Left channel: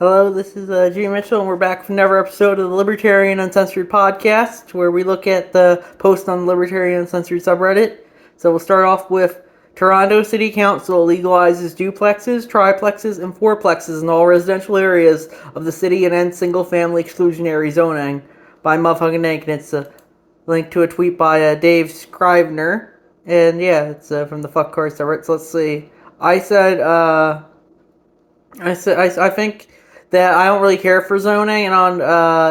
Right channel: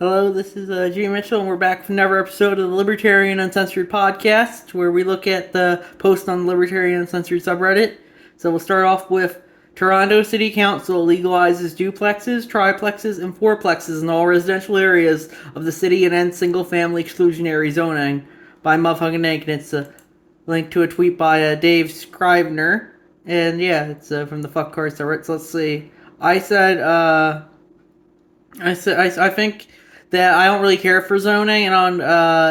Hello, this is Jimmy Mitchell, and we're back with another episode of the Libertarian Uncensored podcast, where we look at the post on the Libertarian Uncensored subreddit. So we'll start off with Toronto City Council legalizes duplexes, triplexes, and fourplexes in all residential areas of the city and ends single-family exclusionary zoning by Motherfucking Inc. And it's a link to a tweet by Dave Scrivener. And yeah, it's from the Fuck Card subreddit. So let's see. I think that I don't really care for zoning, and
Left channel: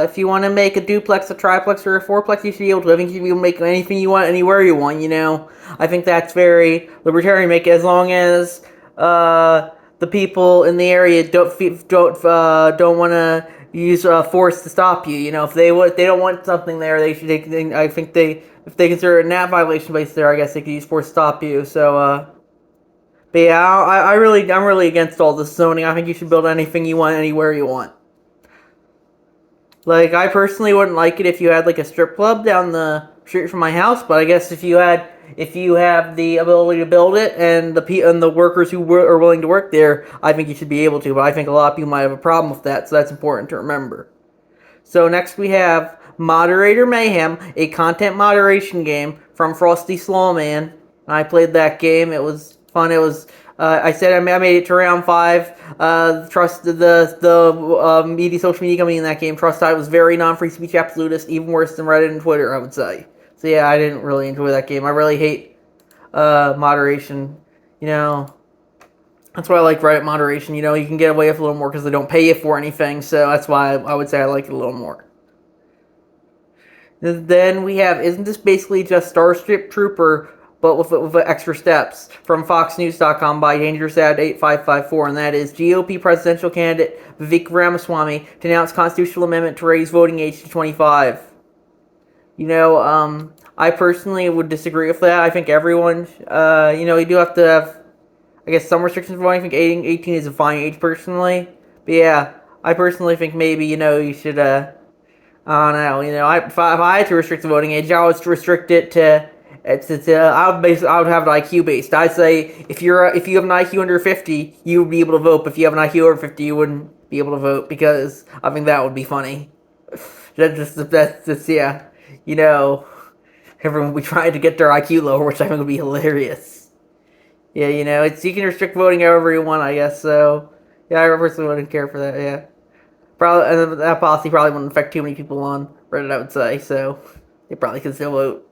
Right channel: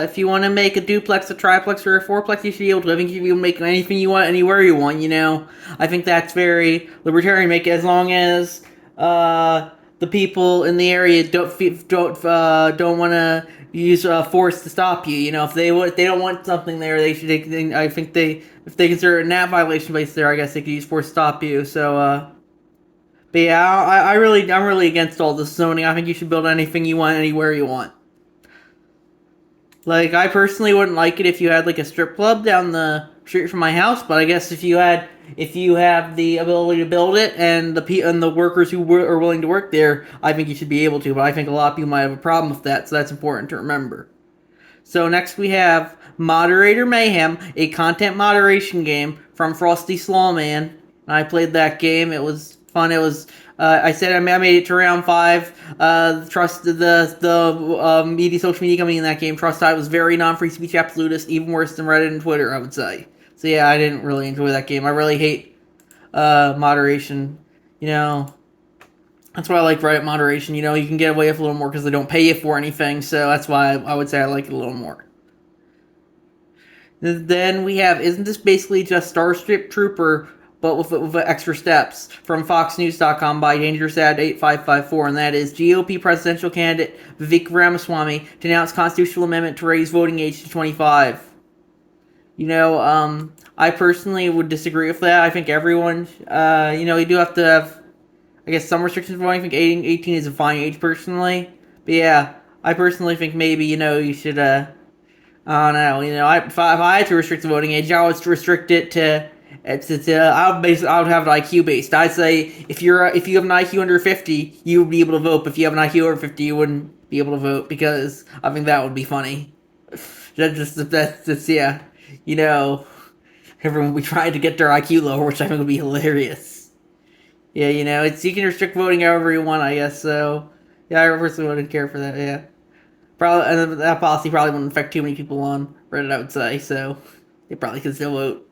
if you want to make a duplex, a triplex, or a fourplex, you should be able to. I think you can make anything you want, anywhere you want. I think that's very libertarian. Make it as long as the people in the area don't want to use force to stop you. If they don't want something there, I think if they consider it a NAT violation based there, I guess they could use force to stop you. But yeah, I'm really against all this zoning. I think you should build anything you want, anywhere you want. Like, I personally wouldn't like it if you had like a strip club down the street from my house, but I guess if you have the ability to build it and the workers who are willing to work there, I think you should be able to. But I think a lot of people might have a problem with that, so that's important to remember. So next we have Moderator Mayhem, a content moderation game from Frosty Slawman. I played that game. It was fun. It was. I said I made it to round 5. Trust the media, social media company in that game. Trust I was very non-free speech absolutist, even worse than Reddit and Twitter, I would say. So yeah, I didn't really enjoy that game. I really hate moderation. That's why I like Reddit moderation. You can get away with a little more because they don't pay you for anything. So that's why I would say I like it a little more. Then we have, isn't this basically just Starship Trooper, but with extra steps, from FoxNews.com by DangerousAd8554, and that is GOP presidential candidate Vivek Ramaswamy denounced constitutional amendment to raise voting age to 25. I personally would disagree with that. I think everyone, you do have to have, I guess, some restrictions for voting. I think 18 is a fine age, personally. But yeah, I personally think maybe, you should, I don't know. If I had to restrict the voting age, I would restrict it to. I would have it IQ based. I'd say if you have an IQ under 50, you would be able to vote. But if you have an IQ over 50, you wouldn't be able to vote, because I think that would be funny. Yeah. Everyone would be trying to get their IQ lower, which I think would be hilarious. Yeah, you can restrict voting however you want, I guess. So yeah, I personally wouldn't care for that. Yeah. Probably, and that policy probably wouldn't affect too many people on Reddit, I would say, so they probably could still vote.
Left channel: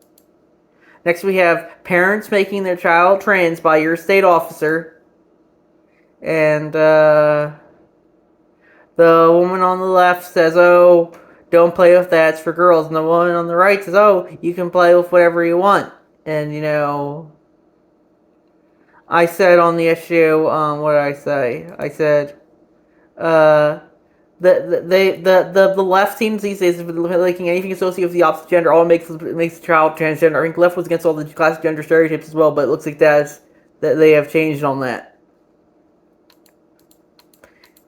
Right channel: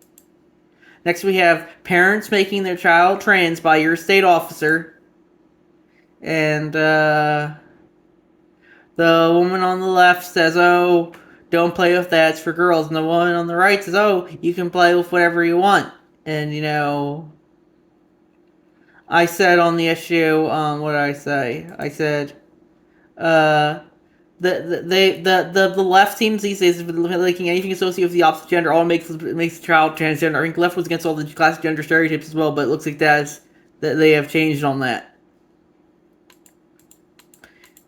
Next we have parents making their child trans by your state officer. And the woman on the left says, oh, don't play with that, it's for girls. And the woman on the right says, oh, you can play with whatever you want. And, I said on the issue, what did I say? I said, the left seems these days liking anything associated with the opposite gender all makes the child transgender. I think the left was against all the classic gender stereotypes as well, but it looks like that they have changed on that.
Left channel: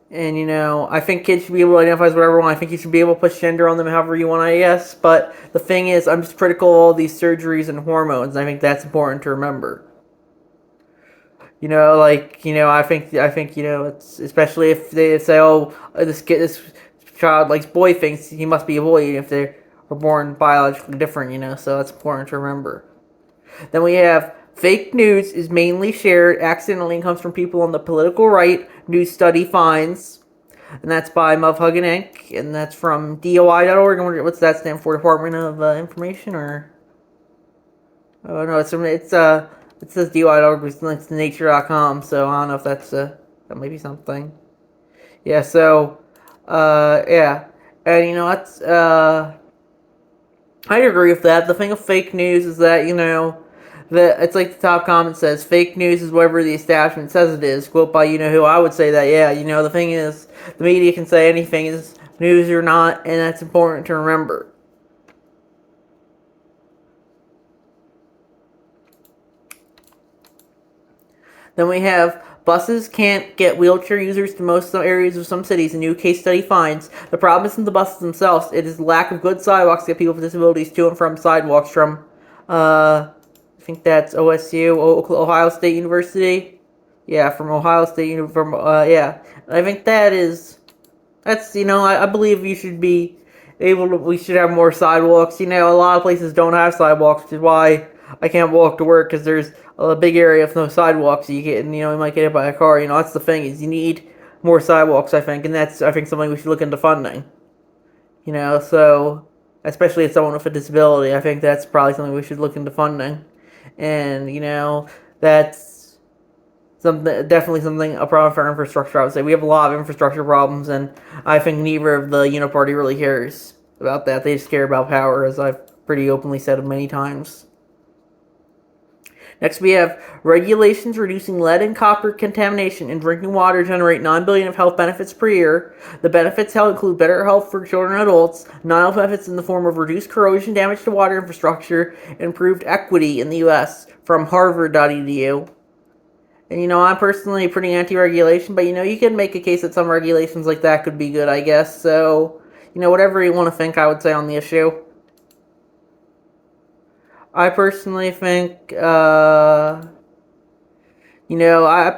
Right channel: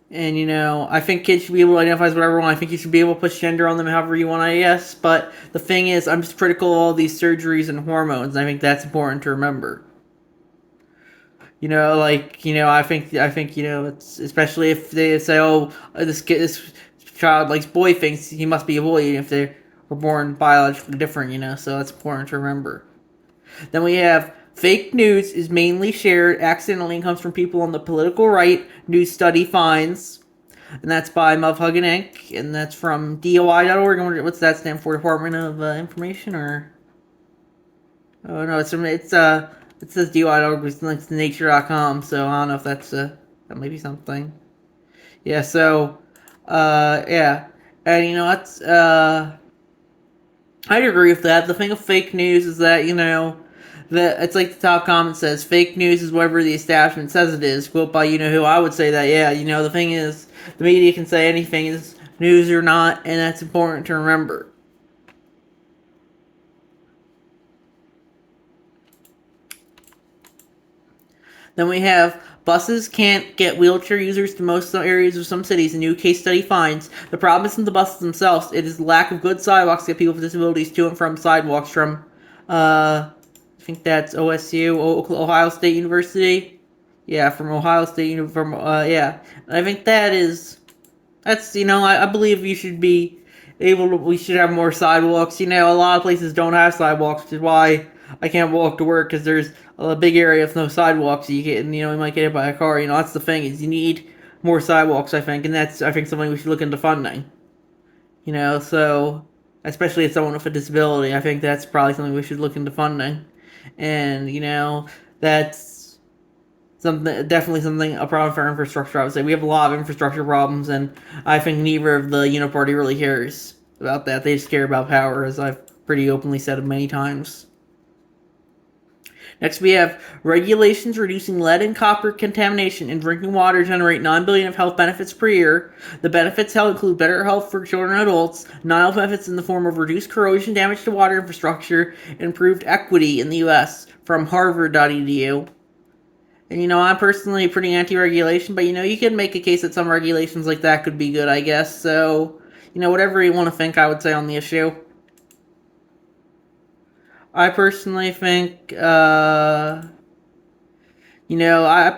And I think kids should be able to identify as whatever they want. I think you should be able to push gender on them however you want, I guess. But the thing is, I'm just critical of all these surgeries and hormones. And I think that's important to remember. I think, it's especially if they say, oh, this child likes boy things, he must be a boy, if they were born biologically different, so that's important to remember. Then we have, fake news is mainly shared accidentally and comes from people on the political right, news study finds, and that's by Motherfucking Inc., and that's from DOI.org. What's that stand for? Department of Information, or? Oh, no, it says DUI.org with links to nature.com, so I don't know if that may be something. Yeah, so, yeah. And, I agree with that. The thing with fake news is that, that it's like the top comment says, fake news is whatever the establishment says it is. Quote by you-know-who. I would say that, yeah, the thing is, the media can say anything is news or not, and that's important to remember. Then we have, buses can't get wheelchair users to most areas of some cities. A new case study finds the problem isn't the buses themselves, it is the lack of good sidewalks to get people with disabilities to and from sidewalks from, I think that's OSU, Ohio State University. Yeah, from Ohio State, yeah. And I think that is That's, I believe you should be able to, we should have more sidewalks. A lot of places don't have sidewalks, which is why I can't walk to work because there's a big area with no sidewalks. You get, you might get hit by a car. That's the thing is you need more sidewalks, I think, and that's, I think, something we should look into funding. So especially as someone with a disability, I think that's probably something we should look into funding. And, that's something, definitely something, a problem for infrastructure. I would say we have a lot of infrastructure problems, and I think neither of the party really cares about that. They just care about power, as I've pretty openly said many times. Next, we have regulations reducing lead and copper contamination in drinking water generate $9 billion of health benefits per year. The benefits include better health for children and adults, non-health benefits in the form of reduced corrosion damage to water infrastructure, improved equity in the U.S. from Harvard.edu. And I'm personally pretty anti-regulation, but you can make a case that some regulations like that could be good, I guess. So, whatever you want to think, I would say on the issue. I personally think, I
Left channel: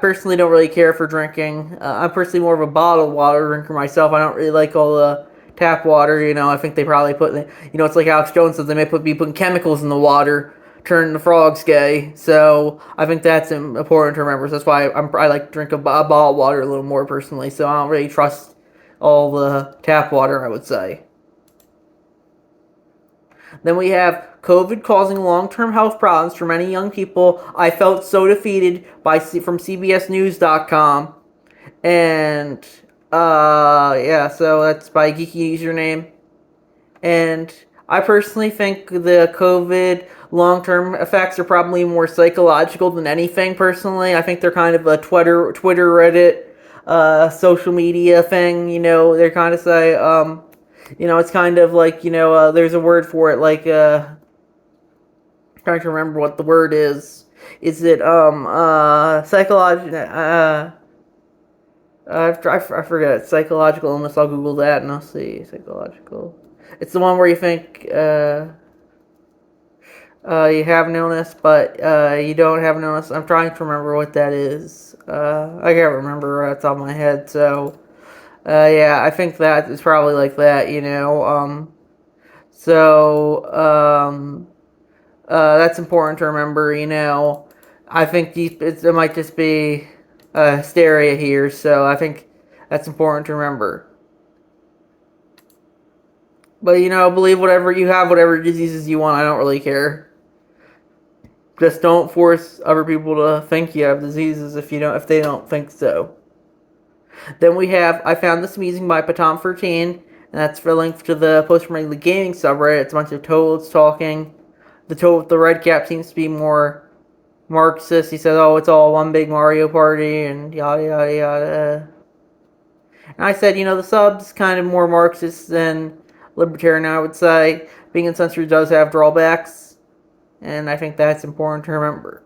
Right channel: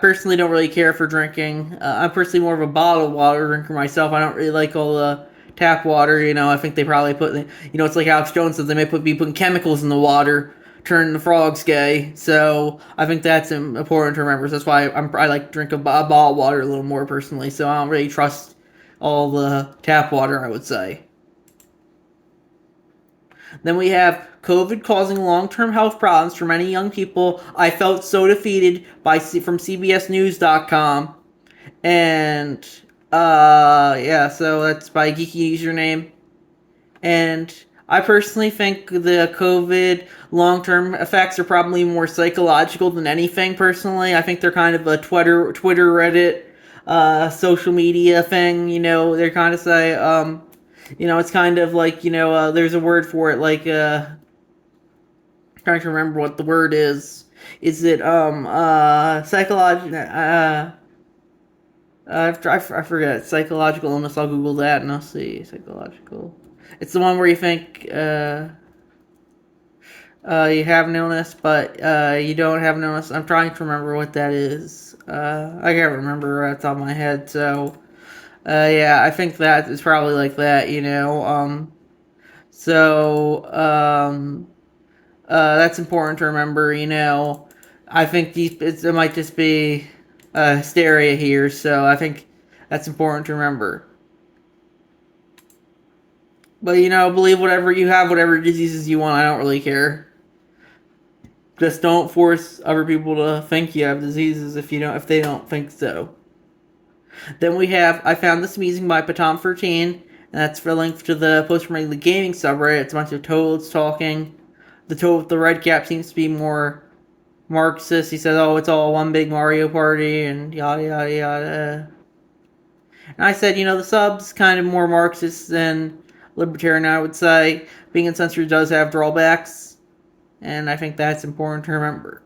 personally don't really care for drinking. I'm personally more of a bottled water drinker myself. I don't really like all the tap water. I think they probably put, it's like Alex Jones says, they may be putting chemicals in the water, turning the frogs gay. So I think that's important to remember. So that's why I like to drink a bottled water a little more personally. So I don't really trust all the tap water, I would say. Then we have COVID causing long-term health problems for many young people. I felt so defeated from CBSNews.com, and yeah, so that's by Geeky Username. And I personally think the COVID long-term effects are probably more psychological than anything. Personally, I think they're kind of a Twitter, Reddit, social media thing. They're kind of say, it's kind of like, there's a word for it, like, trying to remember what the word is. Is it, psychological, I forget, psychological illness, I'll Google that and I'll see, psychological. It's the one where you think, you have an illness, but, you don't have an illness. I'm trying to remember what that is. I can't remember right off the top of my head, so, yeah, I think that is probably like that, so, that's important to remember, I think it might just be hysteria here, so I think that's important to remember. But, believe whatever you have, whatever diseases you want, I don't really care. Just don't force other people to think you have diseases if they don't think so. Then we have I Found This Amusing by Patom13, and that's for a link to the post from the gaming subreddit. It's a bunch of toads talking. The toad with the red cap seems to be more Marxist. He says, oh, it's all one big Mario Party, and yada yada yada. And I said, the sub's kind of more Marxist than Libertarian, I would say. Being Uncensored does have drawbacks, and I think that's important to remember.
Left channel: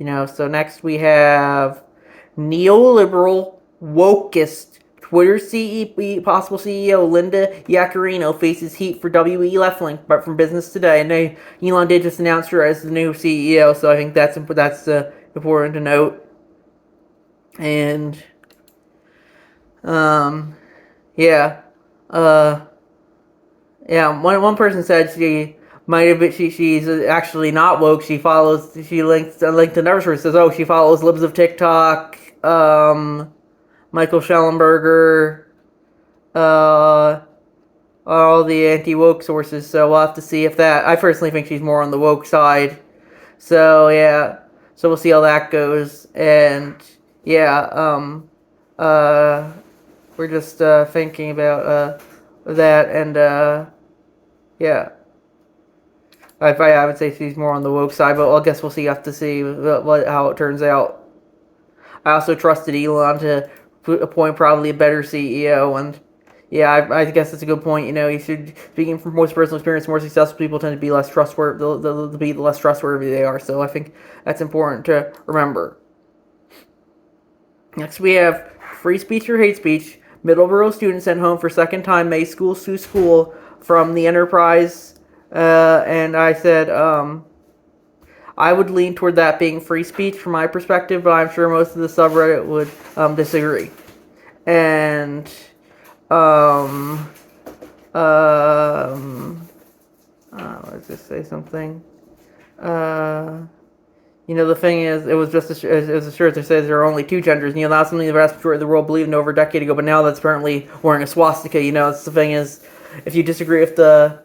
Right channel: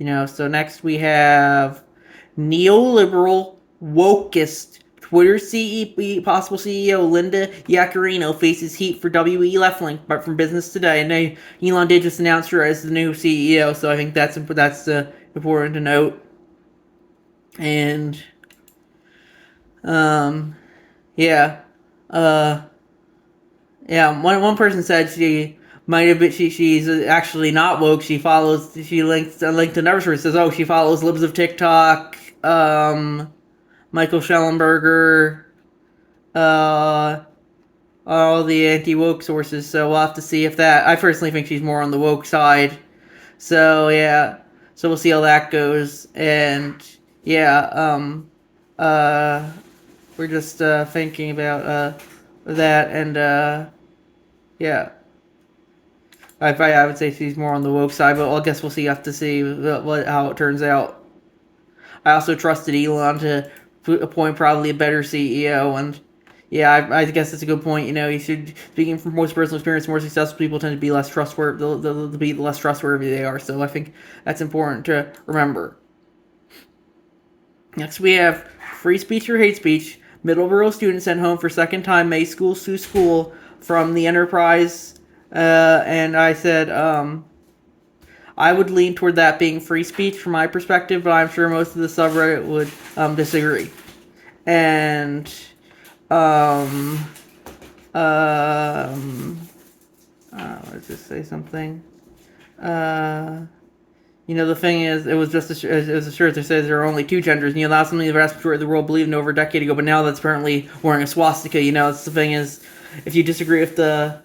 So next we have neoliberal wokist Twitter possible CEO Linda Yaccarino faces heat for WE left link, but from Business Today. And Elon did just announce her as the new CEO, so I think that's important to note. And yeah, yeah. One person said she might have been she's actually not woke. She linked another source, says, oh, she follows libs of TikTok, Michael Schellenberger, all the anti-woke sources, so we'll have to see if that... I personally think she's more on the woke side. So, yeah. So we'll see how that goes. And, yeah, we're just, thinking about, that, and, yeah. I would say she's more on the woke side, but I guess we'll see. Have to see how it turns out. I also trusted Elon to appoint probably a better CEO, and yeah, I guess it's a good point. You should, speaking from most personal experience, more successful people tend to be less trustworthy. The less trustworthy they are. So I think that's important to remember. Next, we have free speech or hate speech. Middleborough student sent home for second time May school sue school from the Enterprise, and I said, I would lean toward that being free speech from my perspective, but I'm sure most of the subreddit would disagree. And let's just say something. The thing is, it was just it was a shirt that says there are only two genders. That's something the vast majority of the world believed in over a decade ago, but now that's apparently wearing a swastika. That's the thing is, if you disagree with the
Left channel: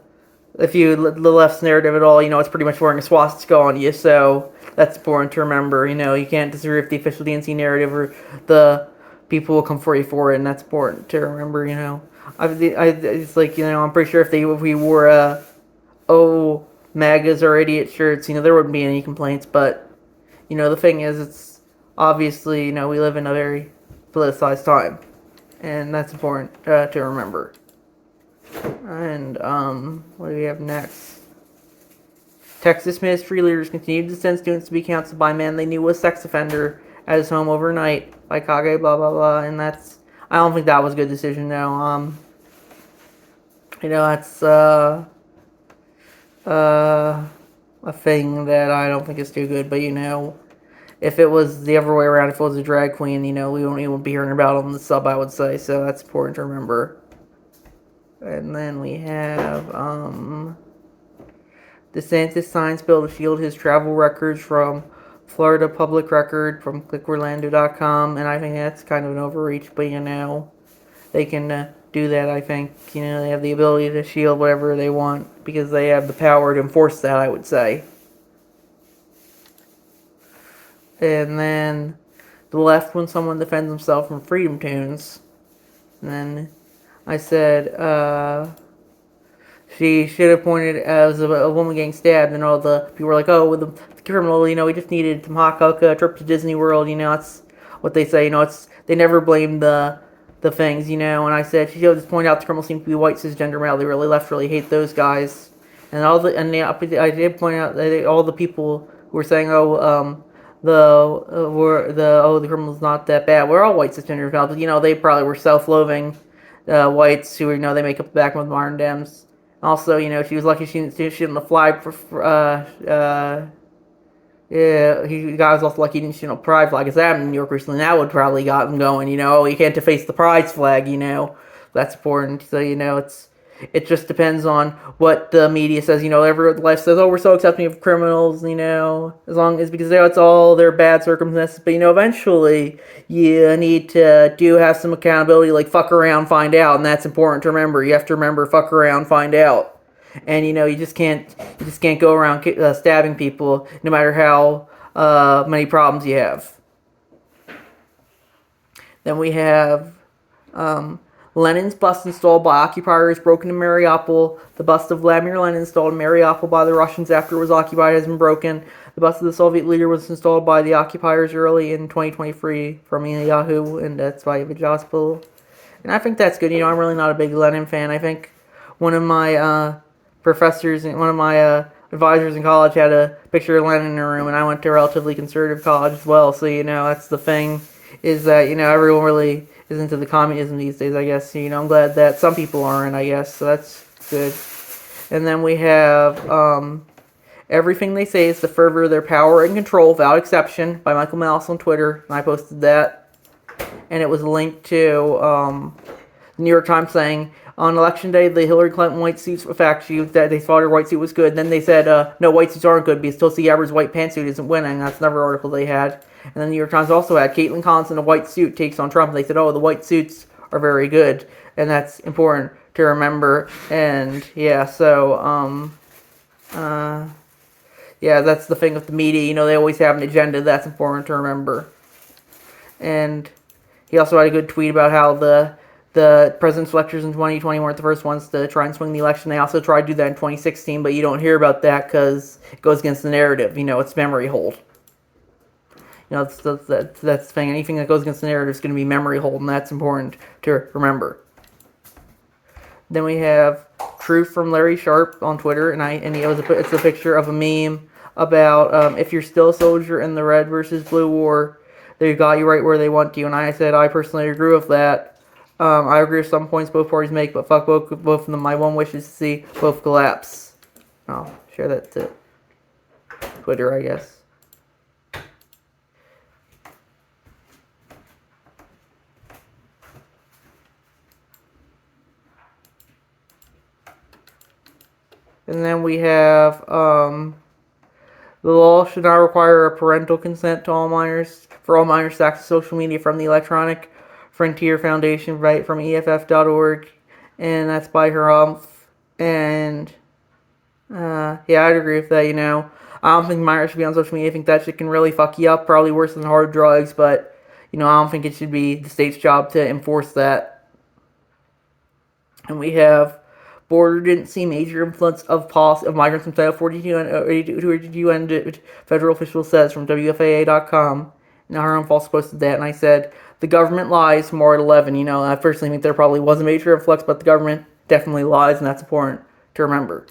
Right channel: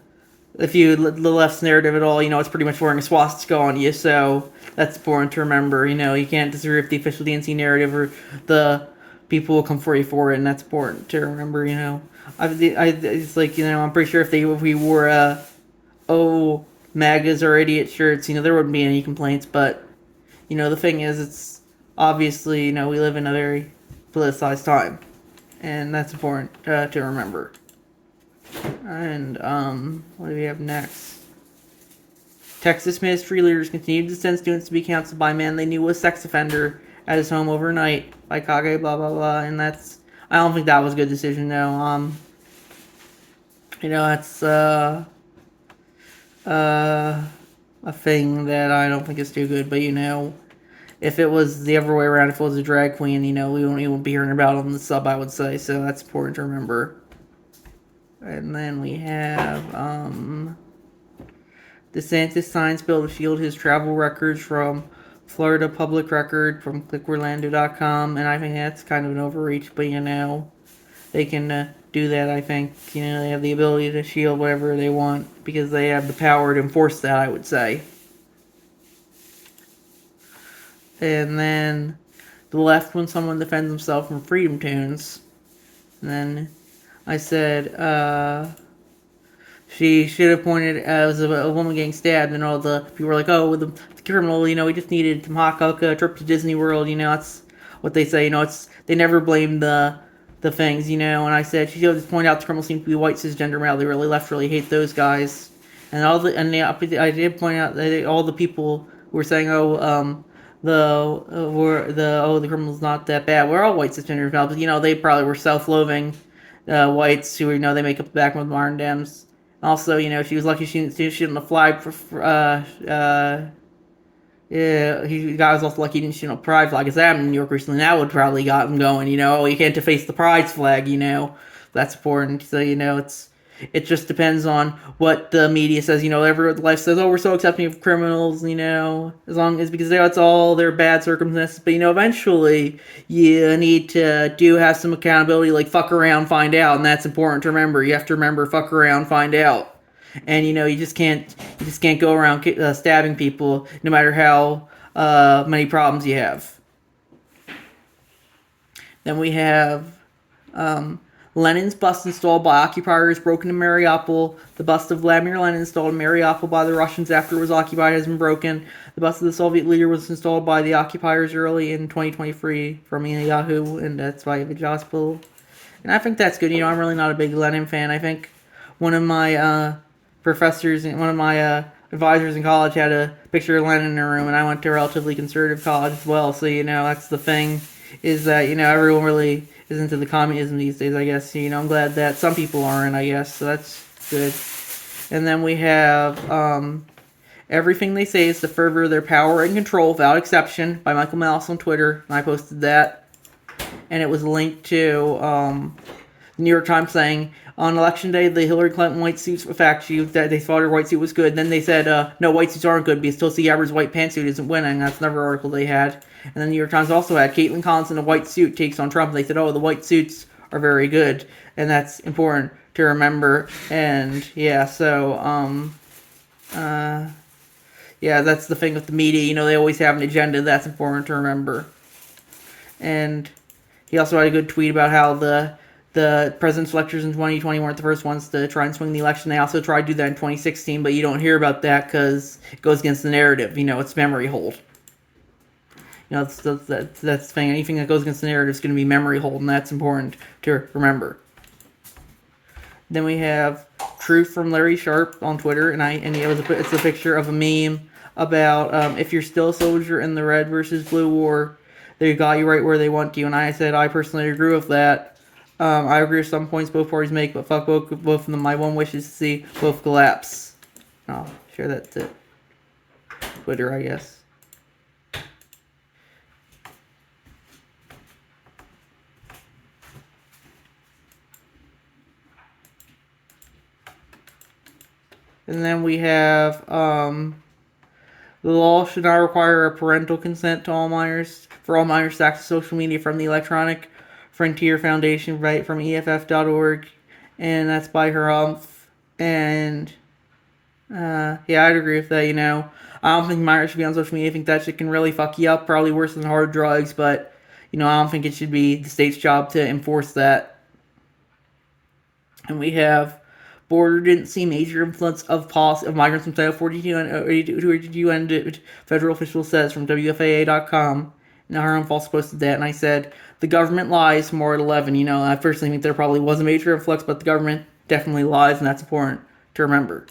left's narrative at all, it's pretty much wearing a swastika on you. So that's important to remember. You can't disagree with the official DNC narrative, or the people will come for you for it, and that's important to remember. It's like I'm pretty sure if we wore MAGAs or idiot shirts, there wouldn't be any complaints. But the thing is, it's obviously we live in a very politicized time, and that's important to remember. And what do we have next? Texas ministry leaders continued to send students to be counseled by men they knew was sex offender at his home overnight by Kage, blah blah blah. And I don't think that was a good decision. No, that's a thing that I don't think is too good. But if it was the other way around, if it was a drag queen, we won't even be hearing about it on the sub, I would say. So that's important to remember. And then we have DeSantis signs bill to shield his travel records from Florida public record from clickorlando.com, and I think that's kind of an overreach, but they can do that. I think they have the ability to shield whatever they want because they have the power to enforce that, I would say. And then the left, when someone defends himself from Freedom Tunes, and then I said, she should have pointed as a woman getting stabbed, and all the people were like, oh, with the criminal, we just needed to mock up a trip to Disney World, that's what they say, they never blame the things, and I said, she should have just pointed out the criminals seem to be white cisgender male, they really hate those guys, and I did point out that all the people who were saying, the criminal's not that bad, we're all white cisgender male, but they probably were self-loathing whites who they make up the back with modern Dems. Also, she was lucky she didn't fly the guy was also lucky he didn't a pride flag. Because that in New York recently, that would probably got him going. You can't deface the pride flag. That's important. So it just depends on what the media says. Every life says, oh, we're so accepting of criminals. As long as because it's all their bad circumstances. But eventually you need to have some accountability. Like fuck around, find out, and that's important to remember. You have to remember, fuck around, find out. And you just can't go around stabbing people, no matter how many problems you have. Then we have Lenin's bust installed by occupiers broken in Mariupol. The bust of Vladimir Lenin installed in Mariupol by the Russians after it was occupied has been broken. The bust of the Soviet leader was installed by the occupiers early in 2023 from Yahoo, and that's by Vijaspol. And I think that's good. I'm really not a big Lenin fan. I think one of my professors and one of my advisors in college had a picture of Lenin in her room, and I went to a relatively conservative college as well. So that's the thing, is that everyone really is into the communism these days. I guess I'm glad that some people aren't. I guess so. That's good. And then we have everything they say is to further their power and control without exception by Michael Malice on Twitter, and I posted that, and it was linked to the New York Times saying, on election day, the Hillary Clinton white suits were fact that they thought her white suit was good. And then they said, no, white suits aren't good because Tulsi Gabbard's white pantsuit isn't winning. That's another article they had. And then the New York Times also had Caitlin Collins in a white suit takes on Trump. And they said, oh, the white suits are very good. And that's important to remember. And yeah, so, yeah, that's the thing with the media. They always have an agenda. That's important to remember. And he also had a good tweet about how the president's electors in 2020 weren't the first ones to try and swing the election. They also tried to do that in 2016, but you don't hear about that because it goes against the narrative. It's memory hold. That's the thing. Anything that goes against the narrative is going to be memory hold, and that's important to remember. Then we have Truth from Larry Sharp on Twitter, and it's a picture of a meme about if you're still a soldier in the red versus blue war, they got you right where they want you. And I said I personally agree with that. I agree with some points both parties make, but fuck both of them. My one wish is to see both collapse. I'll share that to Twitter, I guess. And then we have the law should not require a parental consent to all minors for all minors to access social media from the Electronic Frontier Foundation, right from EFF.org, and that's by her and yeah, I'd agree with that. I don't think minors should be on social media. I think that shit can really fuck you up, probably worse than hard drugs. But I don't think it should be the state's job to enforce that. And we have border didn't see major influence of policy of migrants from Title 42 and 82 and federal official says from WFAA.com. Now her own false posted that, and I said the government lies more at 11. I personally think there probably was a major influx, but the government definitely lies, and that's important to remember.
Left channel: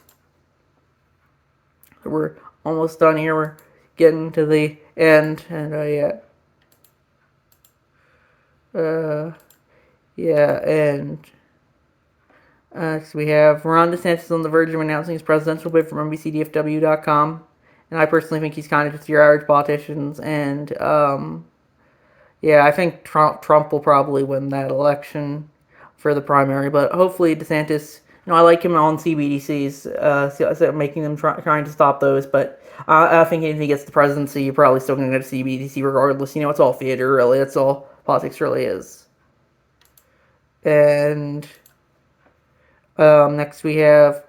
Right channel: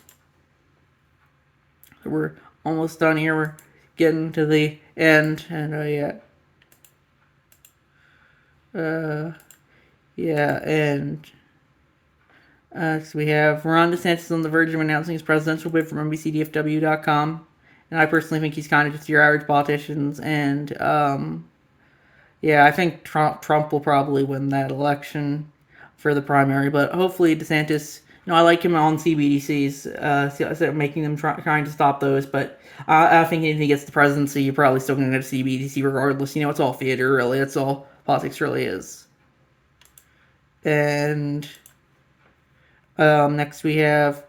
We're almost done here. We're getting to the end, and and so we have Ron DeSantis on the verge of announcing his presidential bid from NBCDFW.com, and I personally think he's kind of just your average politicians, and I think Trump will probably win that election for the primary, but hopefully DeSantis. I like him on CBDCs, making them trying to stop those, but I think if he gets the presidency, you're probably still going to go to CBDC regardless. It's all theater, really. That's all politics really is. And next we have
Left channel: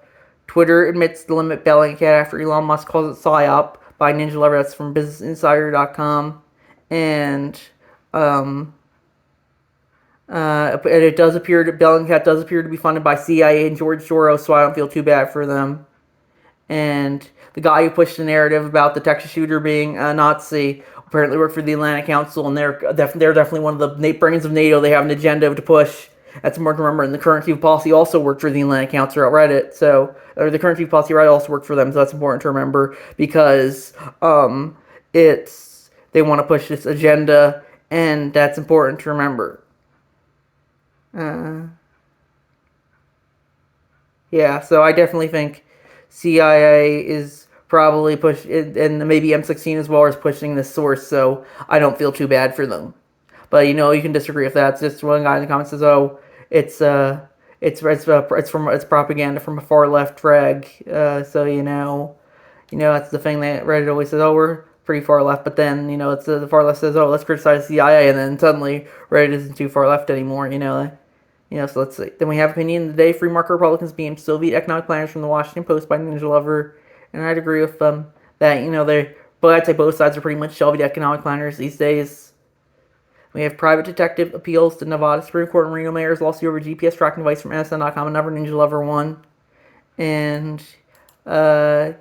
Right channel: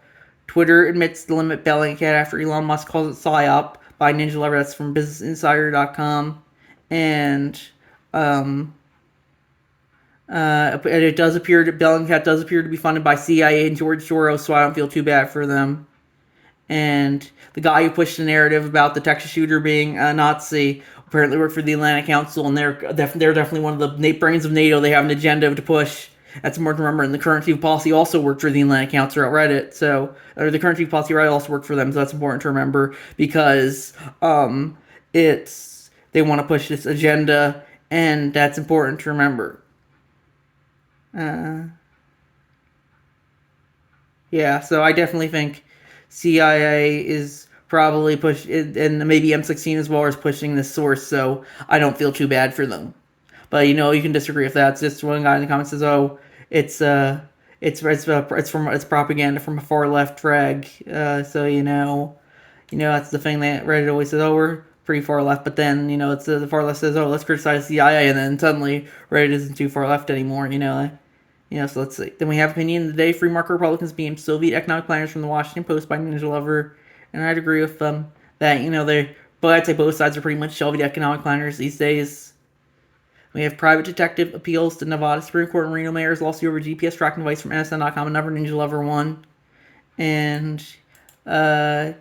Twitter admits to limit Bellingcat after Elon Musk calls it PSYOP by Ninja Lover. That's from BusinessInsider.com. And it does appear that Bellingcat does appear to be funded by CIA and George Soros, so I don't feel too bad for them. And the guy who pushed the narrative about the Texas shooter being a Nazi apparently worked for the Atlantic Council, and they're definitely one of the brains of NATO. They have an agenda to push. That's important to remember. And the current chief of policy also worked for the Atlantic Council at Reddit. Or the current chief of policy Reddit also worked for them. So that's important to remember because they want to push this agenda, and that's important to remember. So I definitely think CIA is probably and maybe M16 as well is pushing this source. So I don't feel too bad for them. But you can disagree with that. It's just one guy in the comments says, "Oh, it's propaganda from a far left rag." So that's the thing that Reddit always says. Oh, we're pretty far left, but then it's the far left says, "Oh, let's criticize CIA," and then suddenly Reddit isn't too far left anymore. So let's see. Then we have opinion of the day: free market Republicans being Soviet economic planners from the Washington Post by Ninja Lover, and I'd agree with that. But I'd say both sides are pretty much Soviet economic planners these days. We have private detective appeals to Nevada Supreme Court and Reno mayor's lawsuit over GPS tracking device from NSN.com, another Ninja Lover one. And, I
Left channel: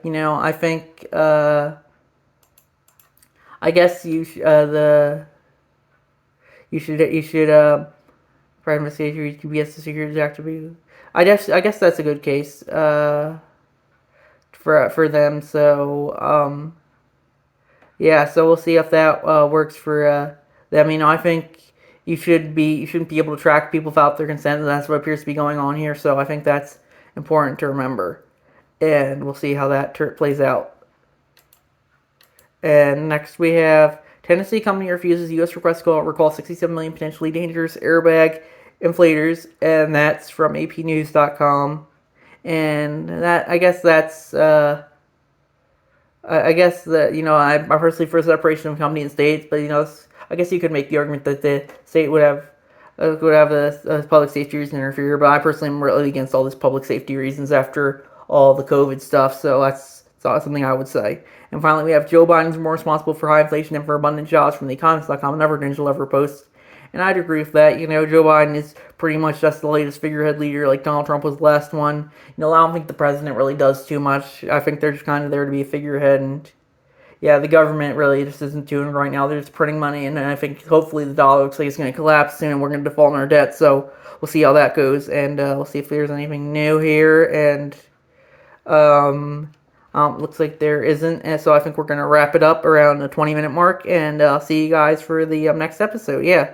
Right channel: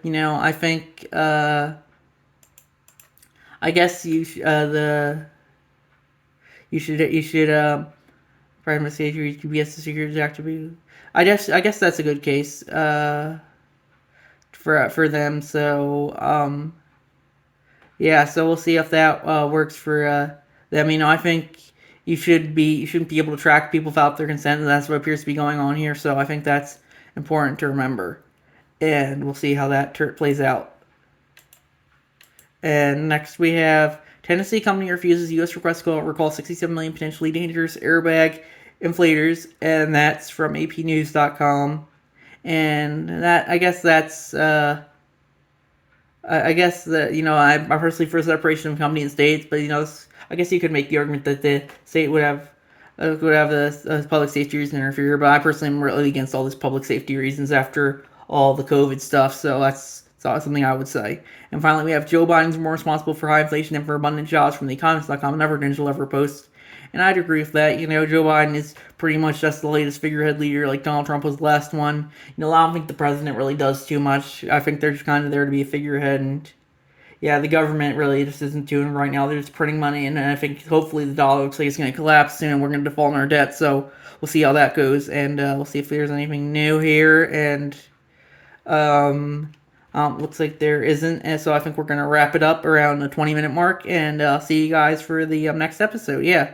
think, I guess you should private stage GPS security activity. I guess that's a good case, for them. So, so we'll see if that works for them. I think you shouldn't be able to track people without their consent, and that's what appears to be going on here. So I think that's important to remember, and we'll see how that plays out. And next we have Tennessee company refuses U.S. request to recall 67 million potentially dangerous airbag inflators, and that's from APnews.com. And that I guess that's I guess that I'm personally for separation of company and states, but I guess you could make the argument that the state would have the public safety reason to interfere, but I personally am really against all this public safety reasons after all the COVID stuff. So that's not something I would say. And finally, we have Joe Biden's more responsible for high inflation than for abundant jobs from the Economist.com. Never Ninja Lover post. And I'd agree with that. Joe Biden is pretty much just the latest figurehead leader, like Donald Trump was the last one. I don't think the president really does too much. I think they're just kind of there to be a figurehead, and the government really just isn't doing it right now. They're just printing money, and I think hopefully the dollar looks like it's going to collapse soon, and we're going to default on our debt. So we'll see how that goes, and we'll see if there's anything new here. And looks like there isn't, and so I think we're going to wrap it up around the 20-minute mark, and I'll see you guys for the next episode. Yeah.